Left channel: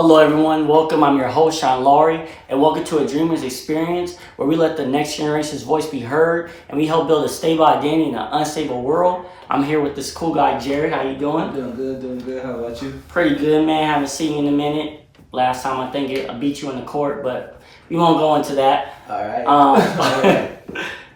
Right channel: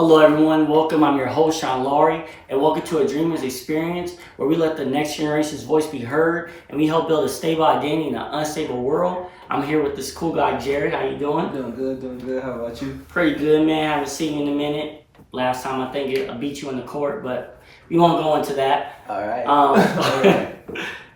Hello everyone, welcome. I'm your host, Sean Laurie, and welcome to a Dreamer's Experience, where we let the next generation's voice be heard, and we help build a stable identity in an unstable world. I'm here with this cool guy, Jared. How you doing? Doing good. How about you? Pretty good, man. Haven't seen you in a minute. Last time I think I beat you in the court, but we won't go into that. All right. All right.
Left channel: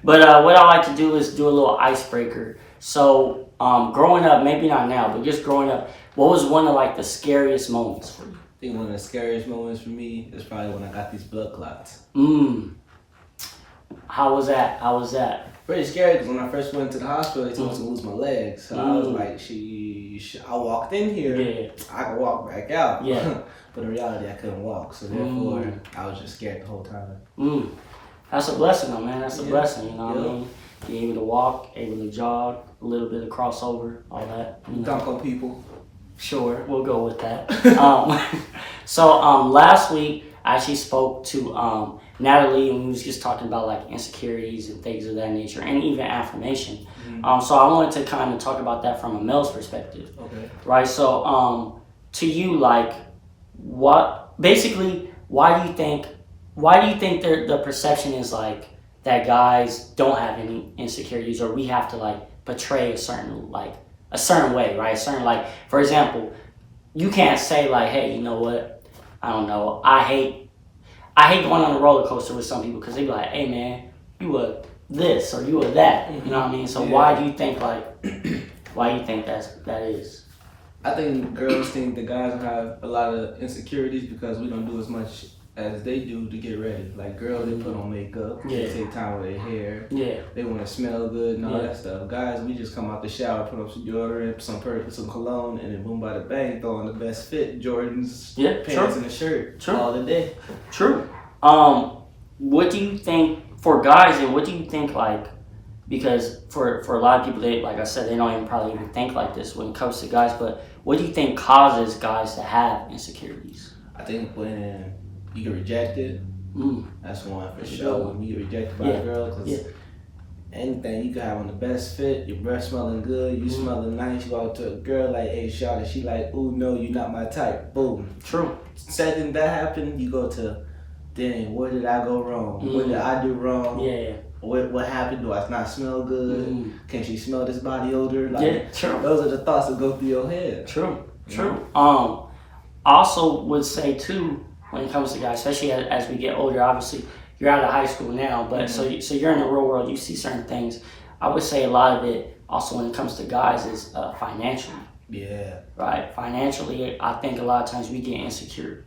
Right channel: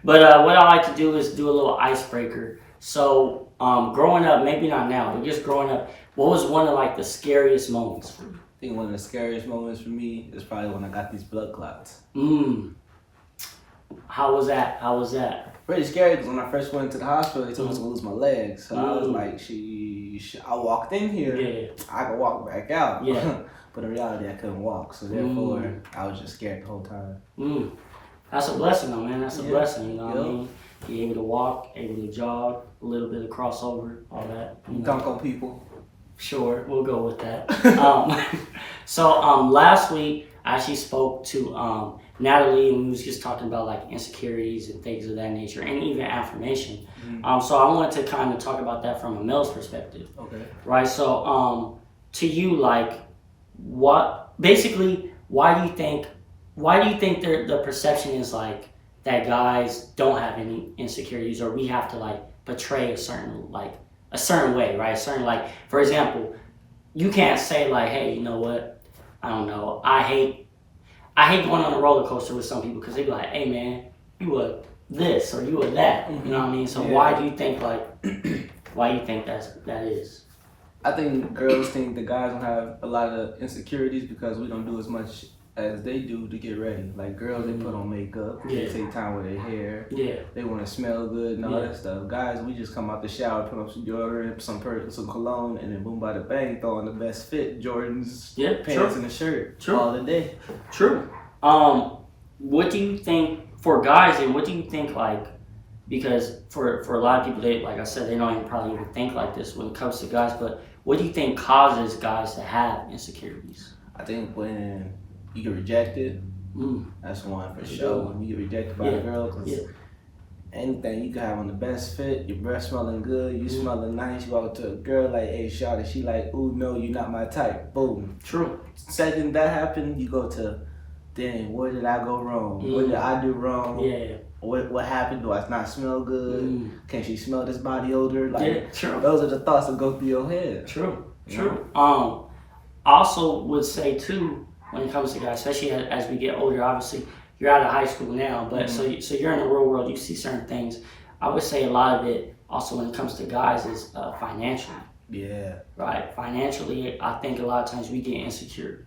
But what I like to do is do a little icebreaker. So growing up, maybe not now, but just growing up, what was one of like the scariest moments for you? I think one of the scariest moments for me is probably when I got these blood clots. How was that? Pretty scary because when I first went to the hospital, they told me to lose my legs. So I was like, I walked in here, I could walk back out. Yeah. But in reality, I couldn't walk. So therefore, I was just scared the whole time. That's a blessing though, man. That's a blessing, you know what I mean? Being able to walk, able to jog, a little bit of crossover, all that. Dunk on people. Sure, we'll go with that. So last week I actually spoke to Natalie, and we was just talking about like insecurities and things of that nature, and even affirmation. So I wanted to kind of talk about that from a male's perspective. Okay. Right. So to you, like, why do you think the perception is like that guys don't have any insecurities, or we have to like portray a certain way, right? Like, for example, you can't say like, hey, you know what? I don't know. I hate going on a roller coaster with some people because they be like, hey man, you were this or you were that. You know what I mean? So why do you think that is? I think girls think the guys don't have a lot of insecurities because we don't do as much as they do to get ready. Like girls, they put on makeup, they take time with their hair, they want to smell good and all that stuff. Guys, we just come out the shower, put on some deodorant, some cologne, and then boom, by the bang, throw on the best fit Jordans, pants, and a shirt all the day. True. What do you think for guys, and what do you think like? Because for a lot of people, they, like I said, they don't even probably even think like this when it comes to guys. But what do you think causes guys to have insecurities? I think when you get rejected, that's one for sure. When you get rejected by a girl, because anything you can have on the best fit, your breath smelling good, you smelling nice, you go to a girl like, hey, shawty, she like, ooh, no, you're not my type. Boom. True. Second that happened, you go to, dang, where did I go wrong? What did I do wrong? Yeah. What happened? Do I not smell good? Can she smell this body odor? Like, true. Those are the thoughts that go through your head. True. I also would say too, when it comes to guys, especially as we get older, obviously you're out of high school now, but so you're in the real world, you see certain things. I would say a lot of it also when it comes to guys is financially. Yeah. Right. Financially, I think a lot of times we get insecure,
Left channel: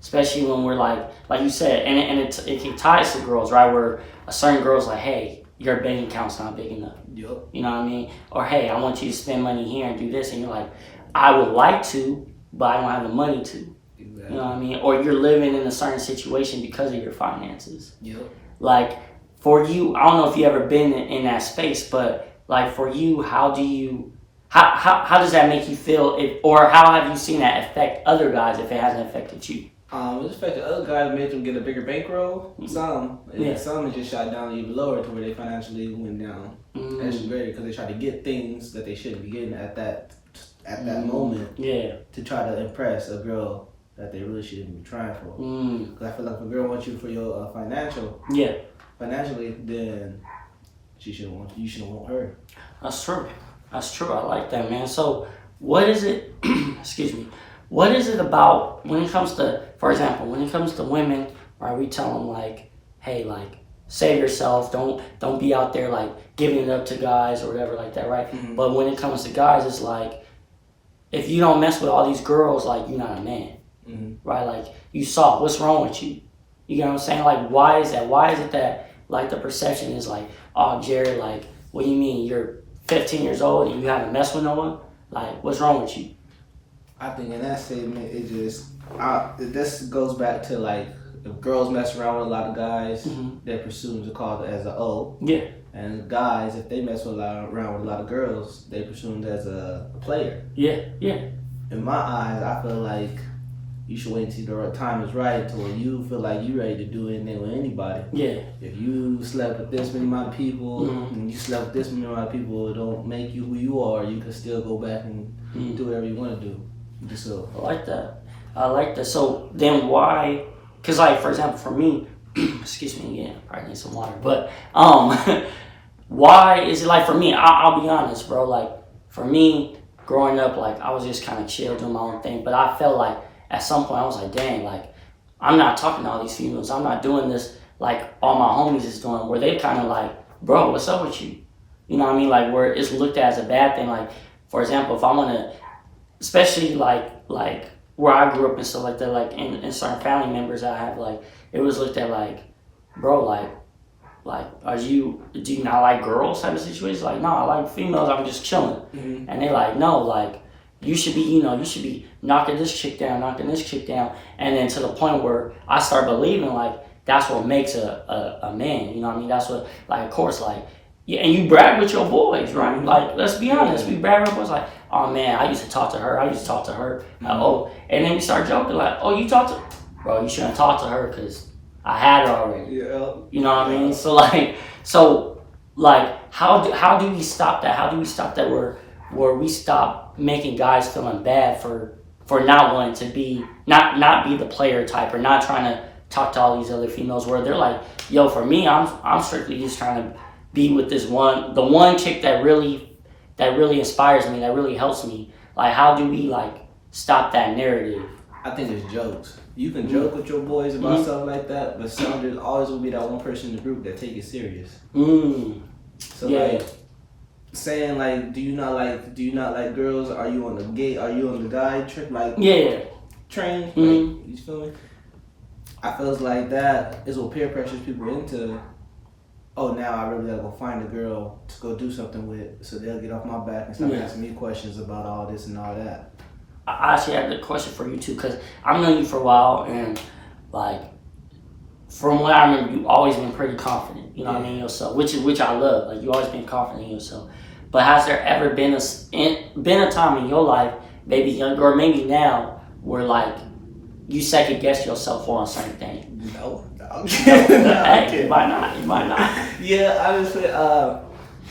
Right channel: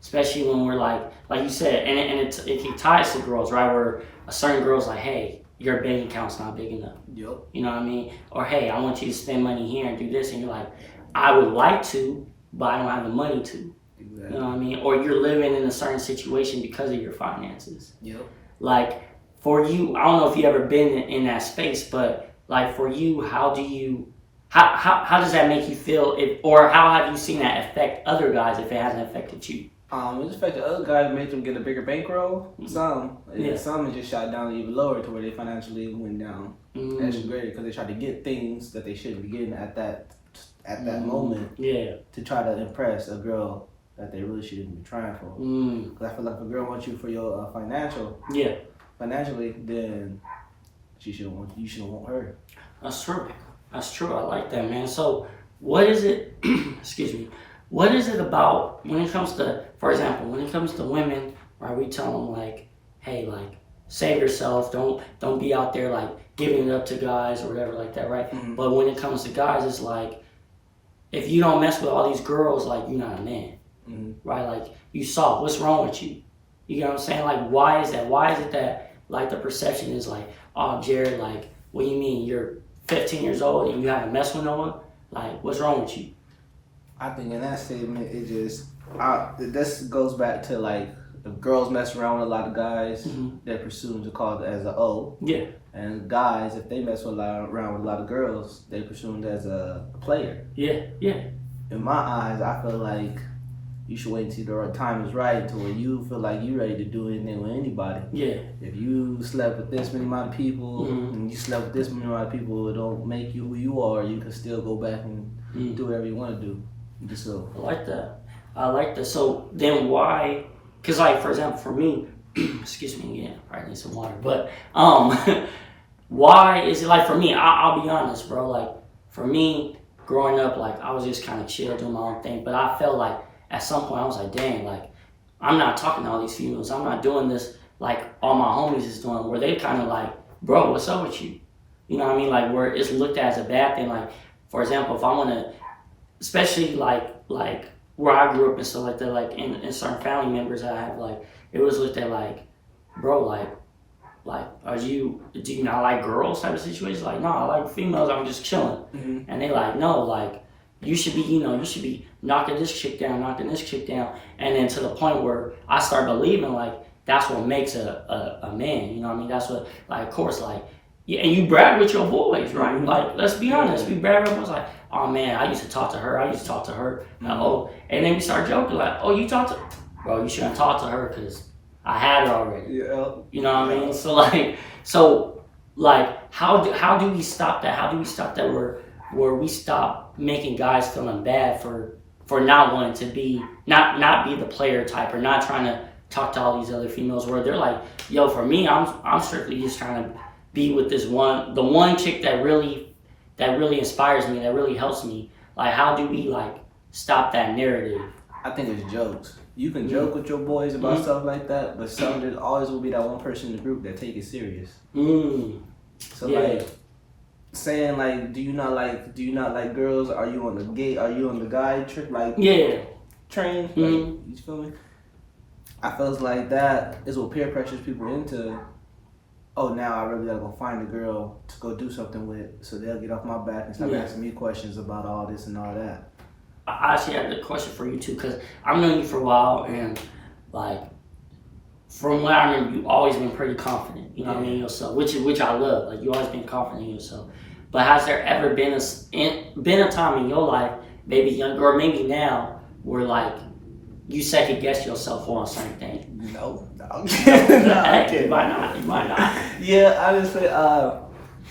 especially when we're like you said, and it ties to girls, right? Where a certain girl's like, hey, your bank account's not big enough. Yep. You know what I mean? Or hey, I want you to spend money here and do this, and you're like, I would like to, but I don't have the money to. Exactly. You know what I mean? Or you're living in a certain situation because of your finances. Yep. Like for you, I don't know if you ever been in that space, but like for you, how does that make you feel? Or how have you seen that affect other guys if it hasn't affected you? It affected other guys, made them get a bigger bankroll. Some it just shot down even lower to where they financially went down. That's great because they tried to get things that they shouldn't be getting at that moment. Yeah. To try to impress a girl that they really shouldn't be trying for. Because I feel like if a girl wants you for your financially, then she shouldn't want you. You shouldn't want her. That's true. I like that, man. So what is it? Excuse me. What is it about when it comes to, for example, when it comes to women, right? We tell them like, hey, like save yourself. Don't be out there like giving it up to guys or whatever like that, right? But when it comes to guys, it's like if you don't mess with all these girls, like you're not a man. Right? Like you soft. What's wrong with you? You know what I'm saying? Like why is that? Why is it that like the perception is like, oh Jared, like what do you mean? You're 15 years old and you haven't messed with no one? Like what's wrong with you? I think in that statement, it just this goes back to like if girls mess around with a lot of guys, they're presumed to call it as a O. Yeah. And guys, if they mess around with a lot of girls, they presumed as a player. Yeah. In my eyes, I feel like you should wait until the time is right until when you feel like you're ready to do anything with anybody. Yeah. If you slept with this many amount of people and you slept with this many amount of people, it don't make you who you are. You can still go back and do whatever you want to do. I like that. I like that. So then why? Because like for example, for me, excuse me again, probably need some water. But why is it like for me? I'll be honest, bro. Like for me, growing up, like I was just kind of chill doing my own thing. But I felt like at some point I was like, dang, like I'm not talking to all these females. I'm not doing this like all my homies is doing. Where they kind of like, bro, what's up with you? You know what I mean? Like where it's looked at as a bad thing. Like for example, if I want to, especially like where I grew up and stuff like that, like in certain family members I have, like it was looked at like, bro, like do you not like girls type of situation? Like, no, I like females, I'm just chilling. Mm-hmm. And they like, no, like you should be knocking this chick down, and then to the point where I start believing like that's what makes a man, you know what I mean? That's what, like, of course, like, yeah, and you brag with your boys, right? Mm-hmm. Like, let's be honest, we brag with our boys, like, oh man, I used to talk to her, mm-hmm. Oh, and then you start joking, like, oh, you talk to, bro, you shouldn't talk to her because I had her already. Yeah. You know what I mean? So how do we stop that? How do we stop that where we stop making guys feeling bad for not wanting to be, not be the player type, or not trying to talk to all these other females, where they're like, yo, for me, I'm strictly just trying to be with the one chick that really inspires me, that really helps me. Like, how do we like stop that narrative? I think it's jokes. You can joke with your boys about stuff like that, but there's always will be that one person in the group that take it serious. So like saying like, do you not like girls? Are you on the guy trip? Like train? Like, you feel me? I feels like that is what peer pressures people into. Oh, now I really gotta go find a girl to go do something with, so they'll get off my back and start asking me questions about all this and all that. I actually had a question for you too, because I've known you for a while, and like from what I remember, you've always been pretty confident. You know what I mean, yourself, which I love. Like, you always been confident in yourself. But has there ever been a time in your life, maybe younger or maybe now, where like you second guess yourself on certain things? No. Hey, you might not. Yeah, honestly,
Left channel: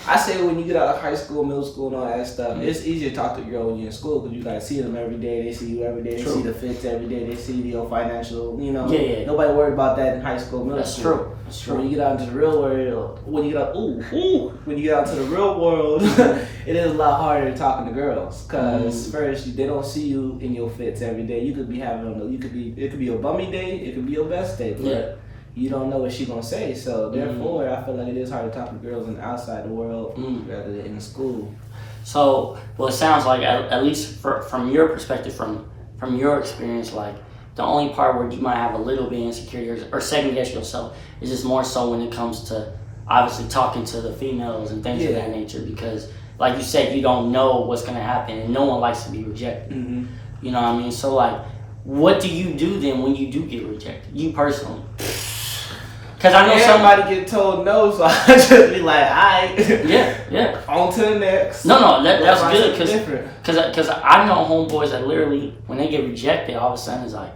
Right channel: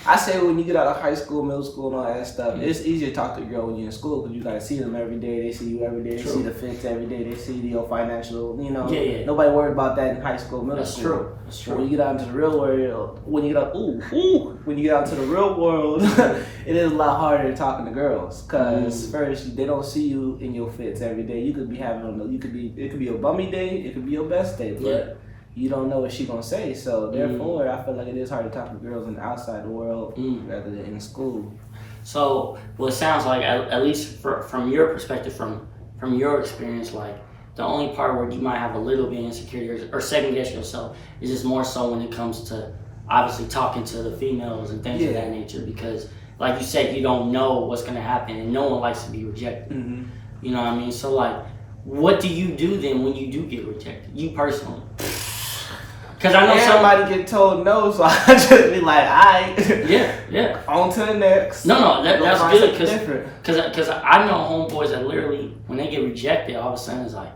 I say when you get out of high school, middle school, and all that stuff, it's easy to talk to a girl when you're in school because you gotta see them every day. They see you every day. They see the fits every day. They see your financial. You know, nobody worried about that in high school, middle school. That's true. When you get out into the real world, when you get out to the real world, it is a lot harder talking to girls because first they don't see you in your fits every day. You could be it could be your bummy day, it could be your best day, but you don't know what she's gonna say. So therefore, I feel like it is hard to talk to girls in the outside the world rather than in school. So, well, it sounds like at least from your perspective, from your experience, like the only part where you might have a little bit of insecurity or second guess yourself is just more so when it comes to obviously talking to the females and things of that nature, because like you said, you don't know what's gonna happen and no one likes to be rejected. Mm-hmm. You know what I mean? So like, what do you do then when you do get rejected? You personally? Because I know somebody get told no, so I just be like, alright. Yeah. On to the next. No, that's good, because I know homeboys that literally, when they get rejected, all of a sudden it's like,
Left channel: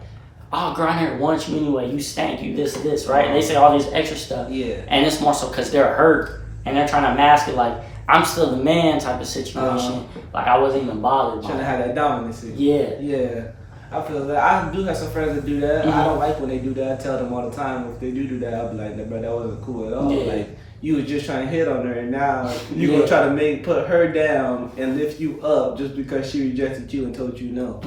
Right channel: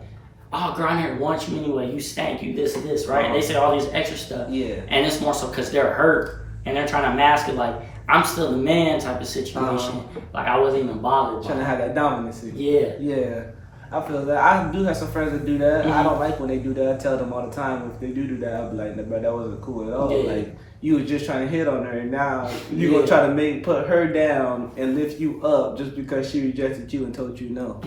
oh, girl, I never want you anyway, you stank, you this and this, right? And they say all this extra stuff. Yeah. And it's more so because they're hurt, and they're trying to mask it like, I'm still the man type of situation. Like, I wasn't even bothered. Trying to have that dominance. Yeah. I feel that. I do have some friends that do that. I don't like when they do that. I tell them all the time if they do that, I'll be like, bro, that wasn't cool at all. Yeah. Like, you was just trying to hit on her, and now you're gonna try to put her down and lift you up just because she rejected you and told you no.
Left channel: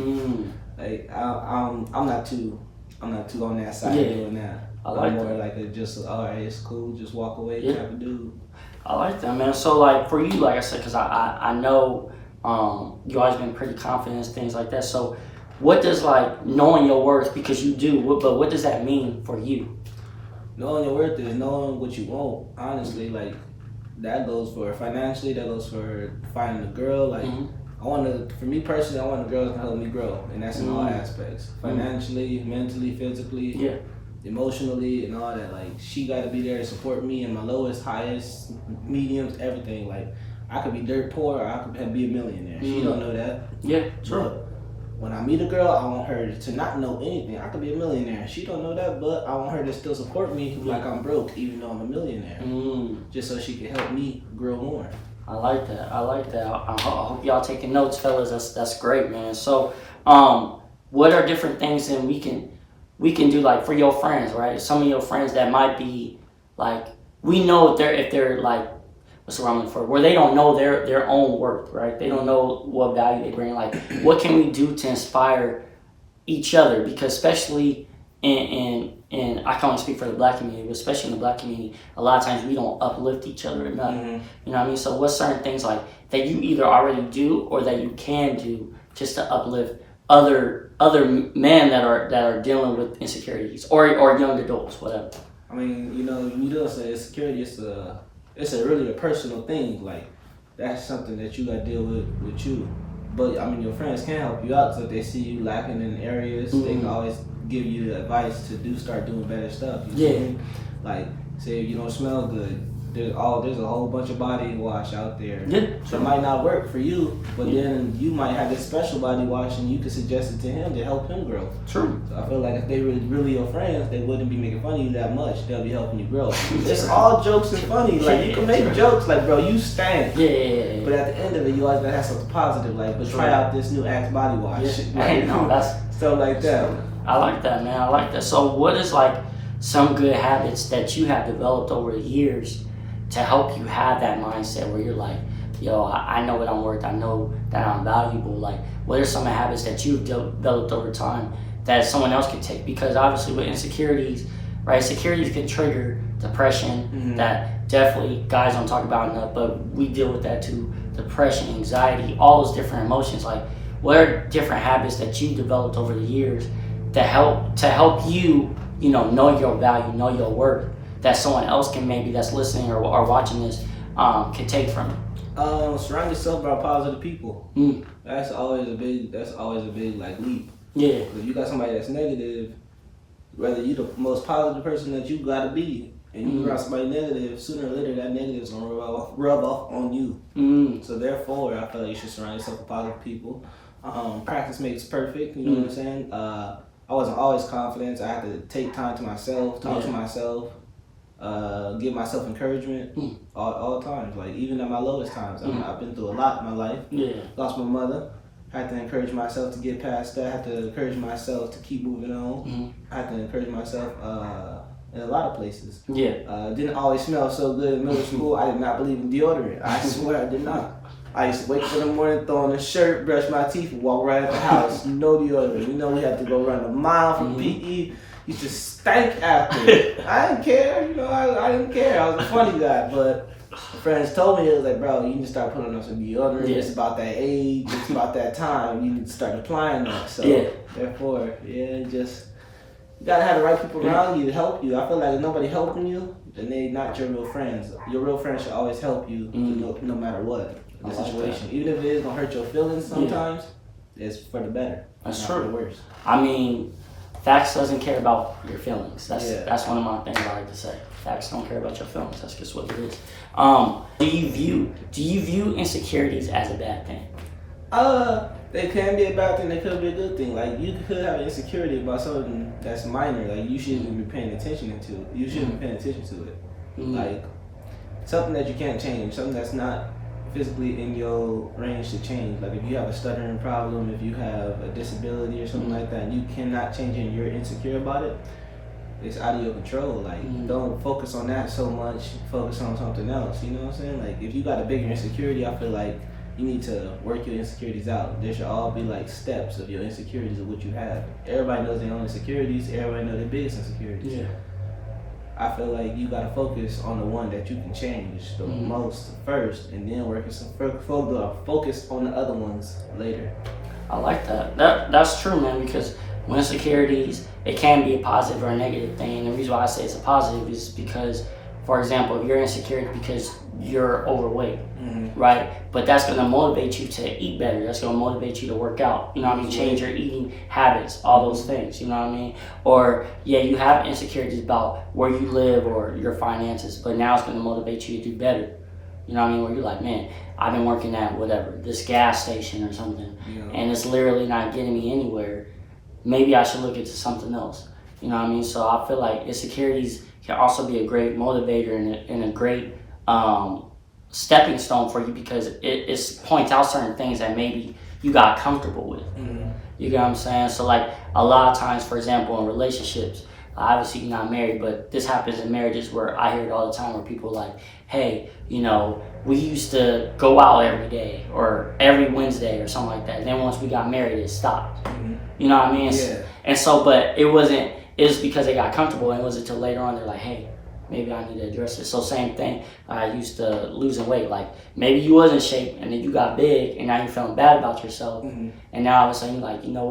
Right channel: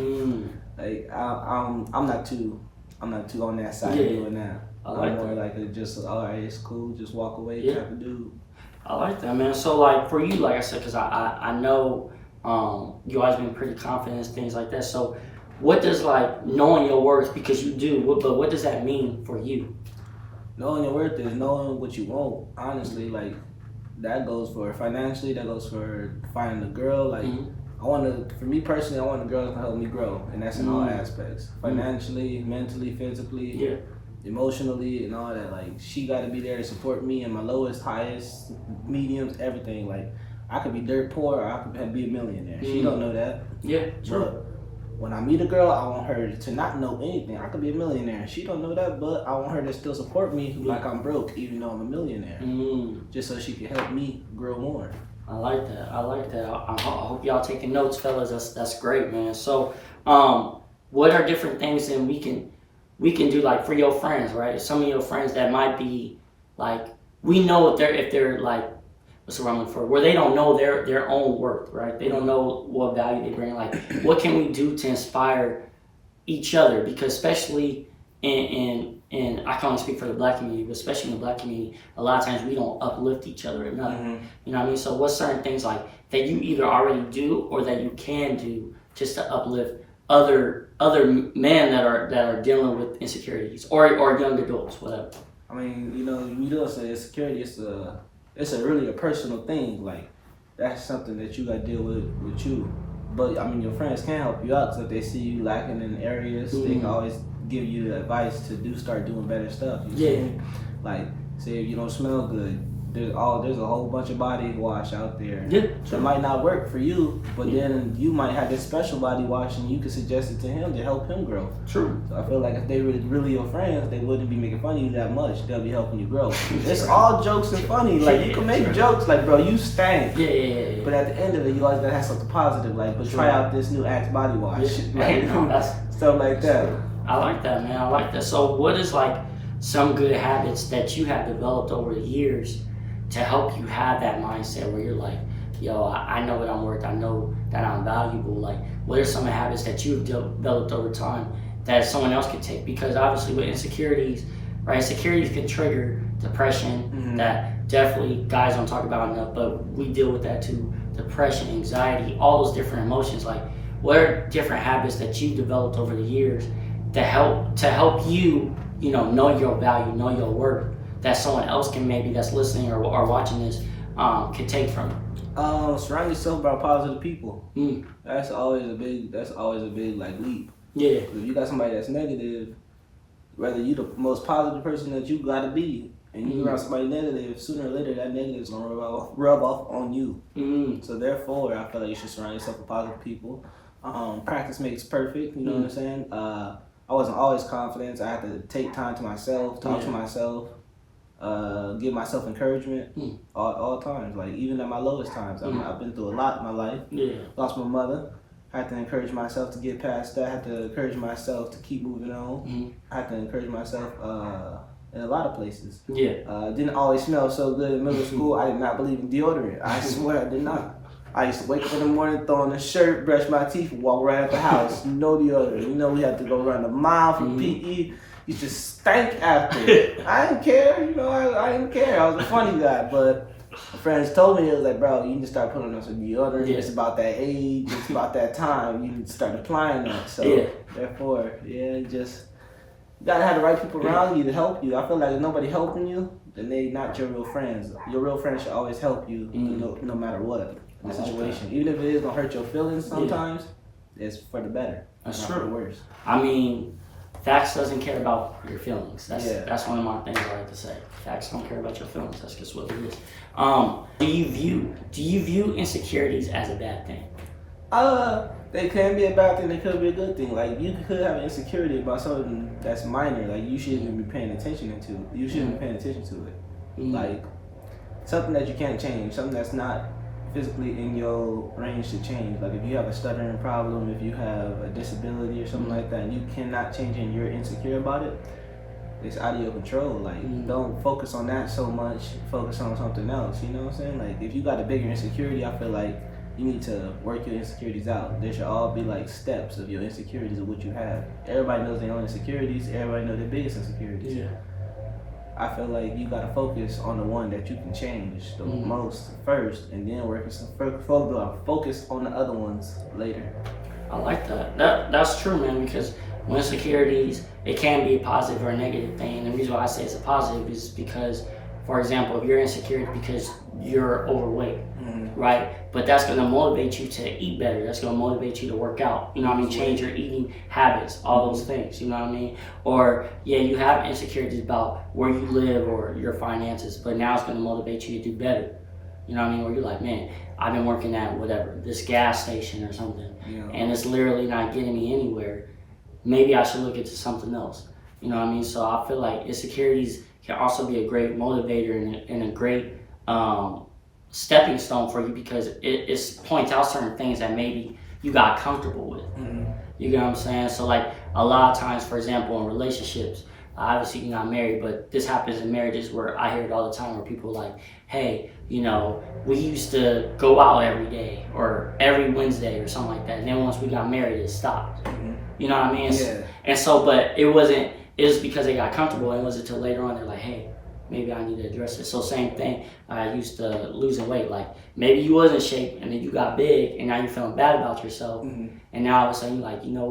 Like, I'm not too on that side of doing that. I'm more like all right, it's cool, just walk away type of dude. I like that, man. So like for you, like I said, because I know you always been pretty confident and things like that. So what does like knowing your worth, because you do, but what does that mean for you? Knowing your worth is knowing what you want. Honestly, like that goes for financially, that goes for finding a girl. Like for me personally, I want a girl that can help me grow, and that's in all aspects: financially, mentally, physically, emotionally, and all that. Like, she got to be there to support me in my lowest, highest, mediums, everything. Like, I could be dirt poor, or I could be a millionaire. She don't know that. Yeah, true. But when I meet a girl, I want her to not know anything. I could be a millionaire. She don't know that, but I want her to still support me like I'm broke, even though I'm a millionaire. Just so she can help me grow more. I like that. I hope y'all taking notes, fellas. That's great, man. So, what are different things that we can do, like for your friends, right? Some of your friends that might be like, we know if they're like, what's the wrong for, where they don't know their own worth, right? They don't know what value they bring. Like, what can we do to inspire each other? Because especially in I can't speak for the black community, but especially in the black community, a lot of times we don't uplift each other enough. You know what I mean? So what's certain things like that you either already do or that you can do just to uplift other men that are dealing with insecurities or young adults, whatever? I mean, you know, you do say insecurity. It's really a personal thing. Like, that's something that you got to deal with you. But I mean, your friends can help you out. So if they see you lacking in areas, they can always give you the advice to start doing better stuff. You see me? Like, say if you don't smell good, there's a whole bunch of body wash out there. That might not work for you, but then you might have this special body wash and you can suggest it to him to help him grow. True. So I feel like if they were really your friends, they wouldn't be making fun of you that much. They'll be helping you grow. It's all jokes and funny. Like, you can make jokes like, bro, you stank. Yeah. But at the end of it, you always gotta have something positive. Like, but try out this new Axe body wash. Like, that's stuff like that. I like that, man. I like that. So what is like some good habits that you have developed over the years to help you have that mindset where you're like, yo, I know what I'm worth. I know that I'm valuable. Like, what are some habits that you've developed over time that someone else could take? Because obviously with insecurities, right, insecurities can trigger depression that definitely guys don't talk about enough, but we deal with that too. Depression, anxiety, all those different emotions. Like, what are different habits that you developed over the years that help you, know your value, know your worth, that someone else can maybe that's listening or watching this can take from you? Surround yourself by positive people. That's always a big like leap. Yeah. If you got somebody that's negative, whether you the most positive person that you gotta be, and you around somebody negative, sooner or later that negative is gonna rub off on you. So therefore, I feel like you should surround yourself with positive people. Practice makes perfect. You know what I'm saying? I wasn't always confident. I had to take time to myself, talk to myself. Give myself encouragement all times. Like, even at my lowest times, I've been through a lot in my life. Lost my mother. Had to encourage myself to get past that. Had to encourage myself to keep moving on. Had to encourage myself in a lot of places. Didn't always smell so good in middle school. I did not believe in deodorant. I swear I did not. I used to wake up in the morning, throw on a shirt, brush my teeth, and walk right out the house. No deodorant. We had to go run a mile from PE. You just stank after it. I didn't care, I didn't care. I was a funny guy, but my friends told me, it was like, bro, you need to start putting on some deodorant. It's about that age, it's about that time. You need to start applying that. So, therefore, just, you gotta have the right people around you to help you. I feel like if nobody helping you, then they not your real friends. Your real friends should always help you, no matter what the situation. Even if it is gonna hurt your feelings sometimes, it's for the better. That's not true. For the worse. I mean, facts doesn't care about your feelings. That's one of my things I like to say. Facts don't care about your feelings. That's just what it is. Do you view insecurities as a bad thing? They can be a bad thing. They could be a good thing. Like, you could have an insecurity about something that's minor. Like, you shouldn't even be paying attention to. You shouldn't be paying attention to it. Like, something that you can't change. Something that's not physically in your range to change. Like, if you have a stuttering problem, if you have a disability or something like that, and you cannot change it and you're insecure about it, it's out of your control. Like, don't focus on that so much. Focus on something else. You know what I'm saying? Like, if you got a bigger insecurity, I feel like you need to work your insecurities out. There should all be like steps of your insecurities of what you have. Everybody knows their own insecurities. Everybody knows their biggest insecurities. I feel like you gotta focus on the one that you can change the most first, and then focus on the other ones later. I like that. That's true, man. Because when insecurities, it can be a positive or a negative thing. And the reason why I say it's a positive is because, for example, if you're insecure because you're overweight, right? But that's going to motivate you to eat better. That's going to motivate you to work out. You know what I mean? Change your eating habits, all those things. You know what I mean? Or, you have insecurities about where you live or your finances, but now it's going to motivate you to do better. You know what I mean? Where you're like, man, I've been working at whatever, this gas station or something, and it's literally not getting me anywhere. Maybe I should look into something else. You know what I mean? So I feel like insecurities can also be a great motivator and a great stepping stone for you, because it points out certain things that maybe you got comfortable with. You get what I'm saying? So like a lot of times, for example, in relationships, obviously you're not married, but this happens in marriages where I hear it all the time where people are like, hey, you know, we used to go out every day or every Wednesday or something like that. And then once we got married, it stopped. Mm-hmm. You know what I mean? Yeah. And so, but it was because they got comfortable, and it wasn't until later on they're like, hey, maybe I need to address it. So same thing, I used to losing weight. Like maybe you was in shape and then you got big and now you're feeling bad about yourself. Mm-hmm. And now all of a sudden you're like, you know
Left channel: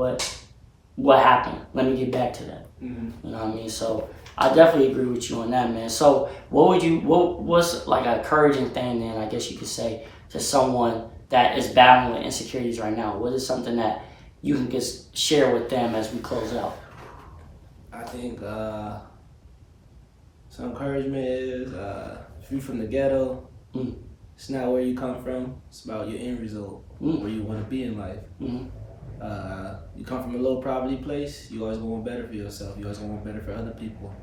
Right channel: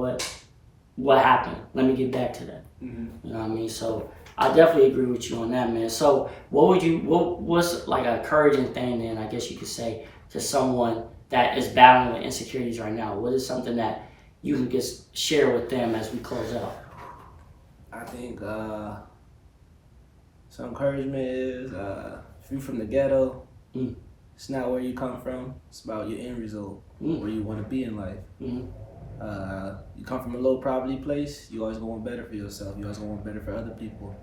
what happened? Let me get back to that. Mm-hmm. You know what I mean? So I definitely agree with you on that, man. So what's like a encouraging thing then, I guess you could say, to someone that is battling with insecurities right now? What is something that you can just share with them as we close out? I think some encouragement is if you're from the ghetto, it's not where you come from. It's about your end result, where you want to be in life. Mm-hmm. You come from a low poverty place, you always want better for yourself. You always want better for other people.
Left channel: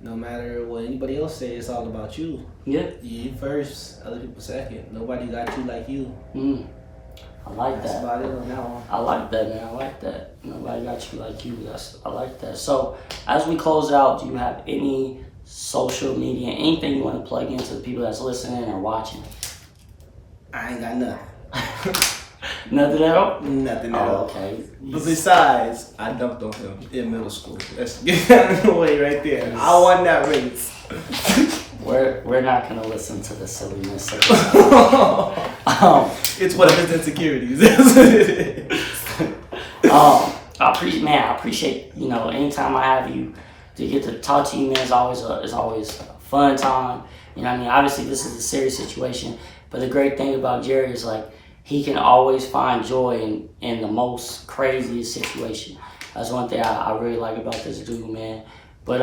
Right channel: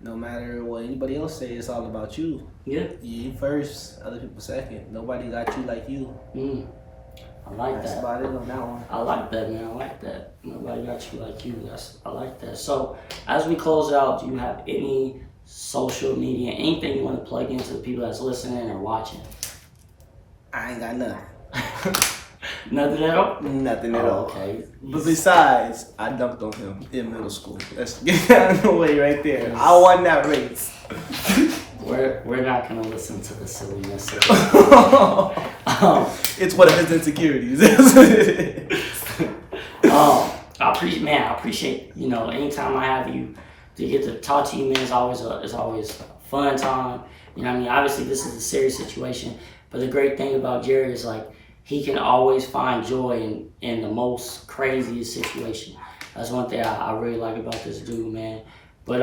No matter what anybody else say, it's all about you. Yeah. You first, other people second. Nobody got you like you. I like that. That's about it on that one. I like that, man. I like that. Nobody got you like you. I like that. So, as we close out, do you have any social media, anything you want to plug into the people that's listening or watching? I ain't got nothing. Nothing at all? Nothing at all. Okay. But besides, I dumped on him in middle school. Let's get out of the way right there. I won that race. We're not gonna listen to the silliness of it. It's one of his insecurities. That's what it is. I appreciate anytime I have you to get to talk to you, man. It's always a fun time. You know what I mean? Obviously, this is a serious situation, but the great thing about Jerry is like he can always find joy in the most craziest situation. That's one thing I really like about this dude, man. But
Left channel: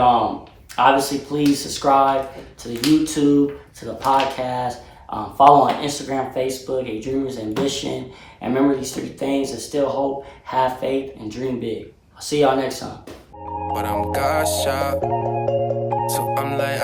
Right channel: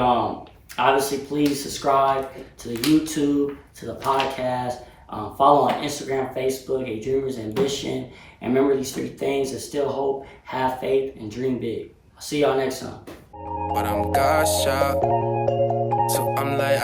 obviously, please subscribe to the YouTube, to the podcast. Follow on Instagram, Facebook, A Dreamer's Ambition. And remember these 3 things: instill hope, have faith, and dream big. I'll see y'all next time. But I'm God's child, so I'm like,